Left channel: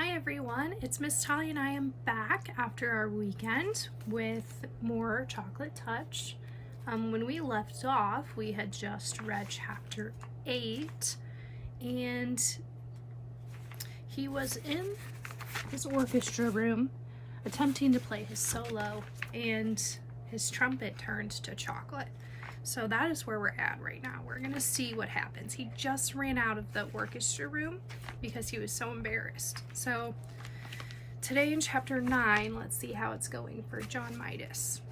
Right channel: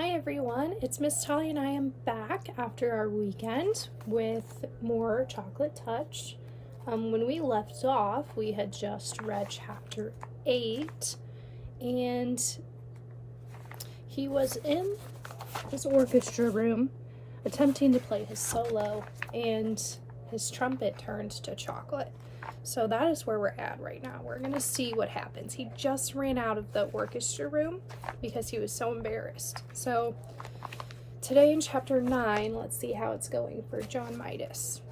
Hi everyone, it's Miss Tolly and I am back after our weekend with more Chocolate Touch. When we left off, we had just read chapter 8 and he was in his orchestra room attempting to play his solo and his trumpet turned to chocolate. So that is where we're at right now. We're gonna see what happens. He just ran out of the orchestra room because he was so embarrassed. So today in chapter 9, let's see how it's going for John Midas.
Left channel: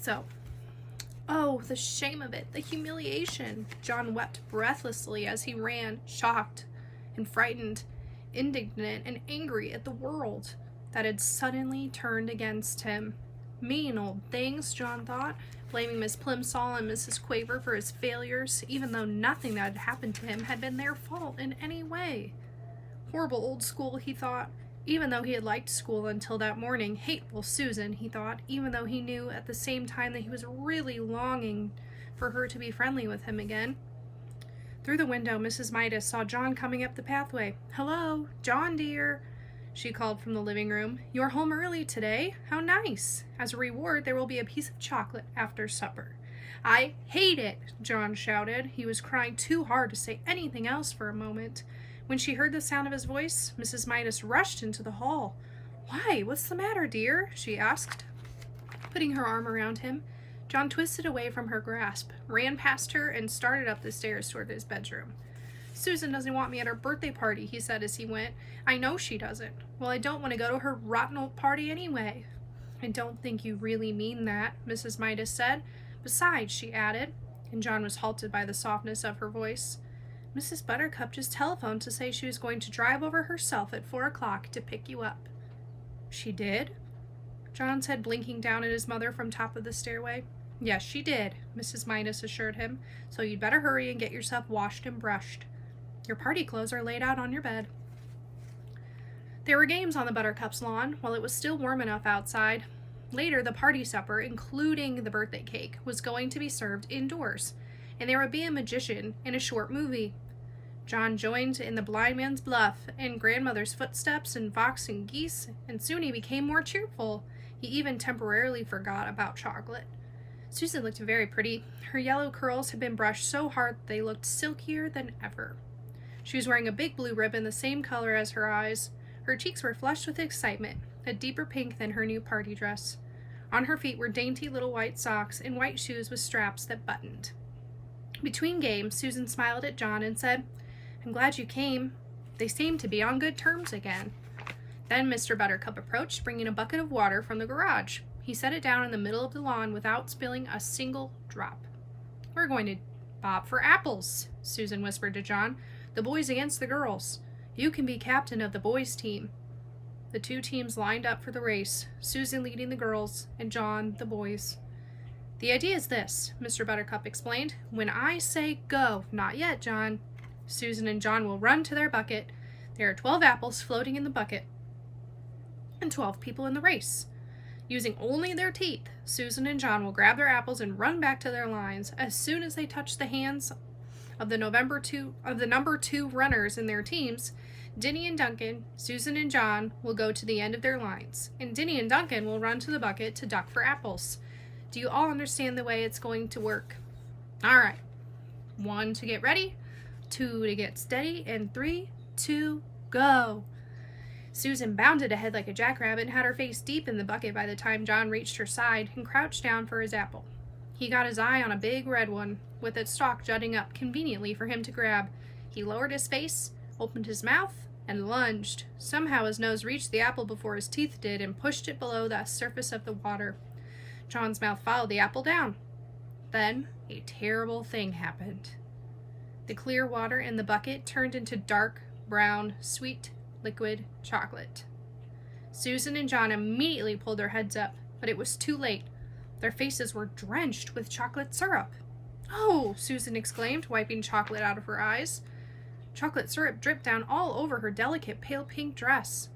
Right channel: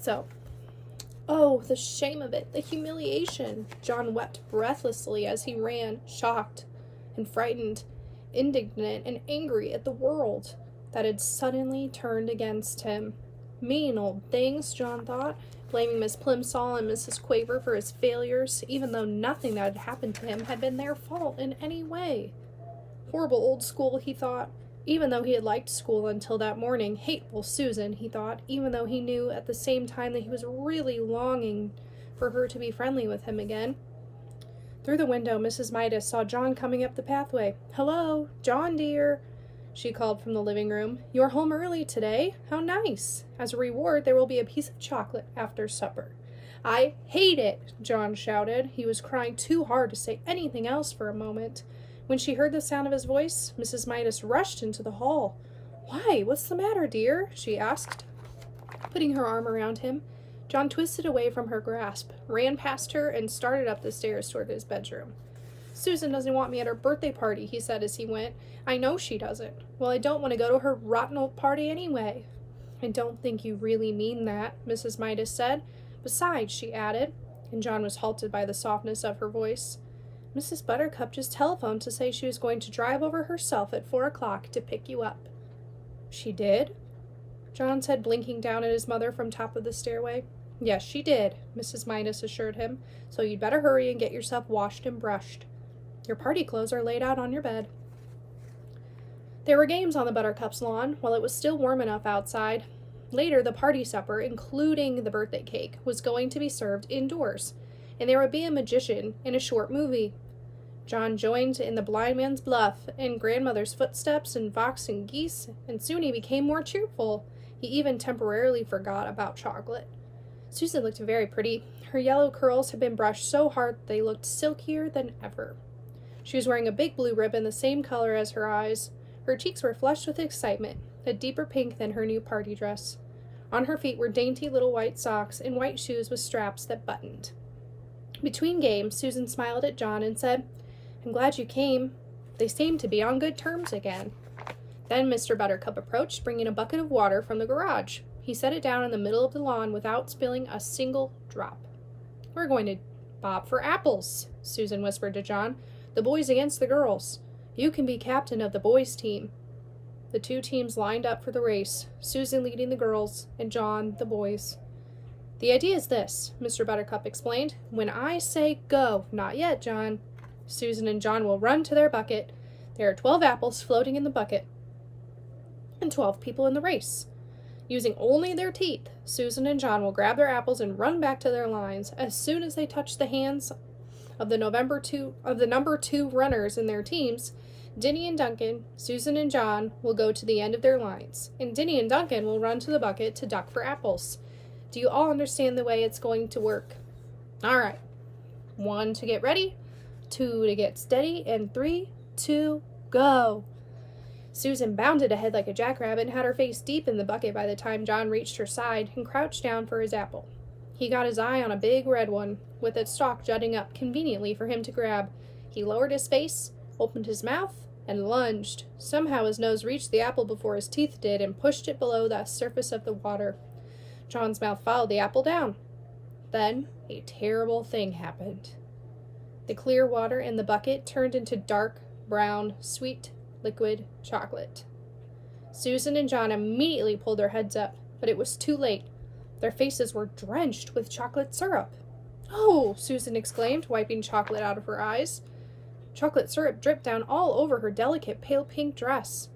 So, oh, the shame of it, the humiliation. John wept breathlessly as he ran, shocked and frightened, indignant and angry at the world that had suddenly turned against him. Mean old things, John thought, blaming Miss Plimsoll and Mrs. Quaver for his failures, even though nothing that had happened to him had been their fault in any way. Horrible old school, he thought, even though he had liked school until that morning. Hateful Susan, he thought, even though he knew at the same time that he was really longing for her to be friendly with him again. Through the window, Mrs. Midas saw John coming up the pathway. "Hello, John dear," she called from the living room. "You're home early today? How nice. As a reward, there will be a piece of chocolate after supper." "I hate it," John shouted. He was crying too hard to say anything else for a moment. When she heard the sound of his voice, Mrs. Midas rushed into the hall. "Why, what's the matter, dear?" she asked, putting her arm around him. John twisted away from her grasp, ran past her, and started up the stairs toward his bedroom. "Susan doesn't want me at her birthday party," he said as he went. "I know she doesn't. Well, I don't want to go to her rotten old party anyway." "I don't think you really mean that," Mrs. Midas said. "Besides," she added, and John was halted by the softness of her voice, "Mrs. Buttercup just telephoned to say she was going to drive over herself at 4 o'clock to pick you up." "She did?" John said, blinking down at his mother from top of the stairway. "Yes, she did," Mrs. Midas assured him, "so you'd better hurry and get yourself washed and brushed. Your party clothes are laid out on your bed." There were games on the Buttercup's lawn while it was still warm enough outside. Later, the party supper, including the birthday cake, was going to be served indoors, and there would be a magician and a short movie. John joined in the blind man's bluff and grandmother's footsteps and fox and geese, and soon he became more cheerful. He even temporarily forgot about chocolate. Susan looked very pretty. Her yellow curls had been brushed so hard that they looked silkier than ever. She was wearing a big blue ribbon the same color as her eyes. Her cheeks were flushed with excitement, a deeper pink than her new party dress. On her feet were dainty little white socks and white shoes with straps that buttoned. Between games, Susan smiled at John and said, "I'm glad you came. They seem to be on good terms again." Then Mr. Buttercup approached, bringing a bucket of water from the garage. He set it down in the middle of the lawn without spilling a single drop. "We're going to bob for apples," Susan whispered to John. "The boys against the girls. You can be captain of the boys' team." The two teams lined up for the race, Susan leading the girls and John the boys. "The idea is this," Mr. Buttercup explained. "When I say go, not yet, John, Susan and John will run to their bucket. There are 12 apples floating in the bucket and 12 people in the race. Using only their teeth, Susan and John will grab their apples and run back to their lines. As soon as they touch the hands of the number two runners in their teams, Dinny and Duncan, Susan and John will go to the end of their lines, and Dinny and Duncan will run to the bucket to duck for apples. Do you all understand the way it's going to work? All right. 1 to get ready, 2 to get steady, and 3, 2, go." Susan bounded ahead like a jackrabbit and had her face deep in the bucket by the time John reached her side and crouched down for his apple. He got his eye on a big red one, with its stalk jutting up conveniently for him to grab. He lowered his face, opened his mouth, and lunged. Somehow his nose reached the apple before his teeth did and pushed it below the surface of the water. John's mouth followed the apple down. Then a terrible thing happened. The clear water in the bucket turned into dark, brown, sweet, liquid chocolate. Susan and John immediately pulled their heads up, but it was too late. Their faces were drenched with chocolate syrup. "Oh!" Susan exclaimed, wiping chocolate out of her eyes. Chocolate syrup dripped down all over her delicate pale pink dress.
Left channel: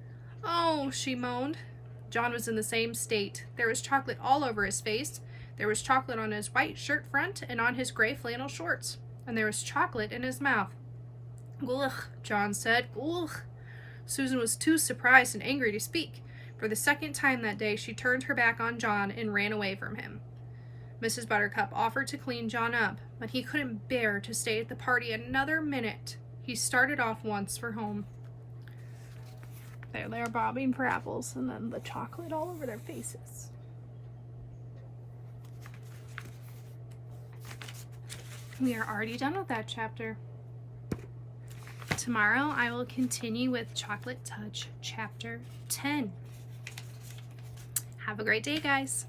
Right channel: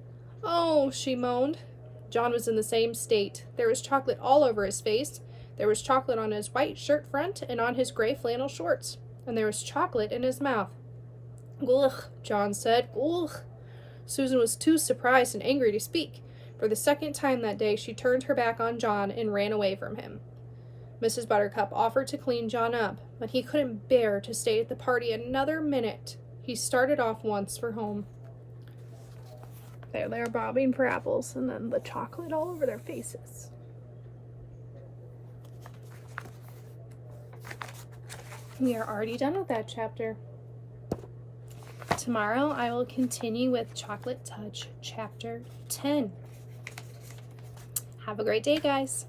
"Oh!" she moaned. John was in the same state. There was chocolate all over his face. There was chocolate on his white shirt front and on his gray flannel shorts. And there was chocolate in his mouth. "Ugh," John said. "Ugh." Susan was too surprised and angry to speak. For the second time that day, she turned her back on John and ran away from him. Mrs. Buttercup offered to clean John up, but he couldn't bear to stay at the party another minute. He started off once for home. There they're bobbing for apples, and then the chocolate all over their faces. We are already done with that chapter. Tomorrow I will continue with Chocolate Touch Chapter 10. Have a great day, guys.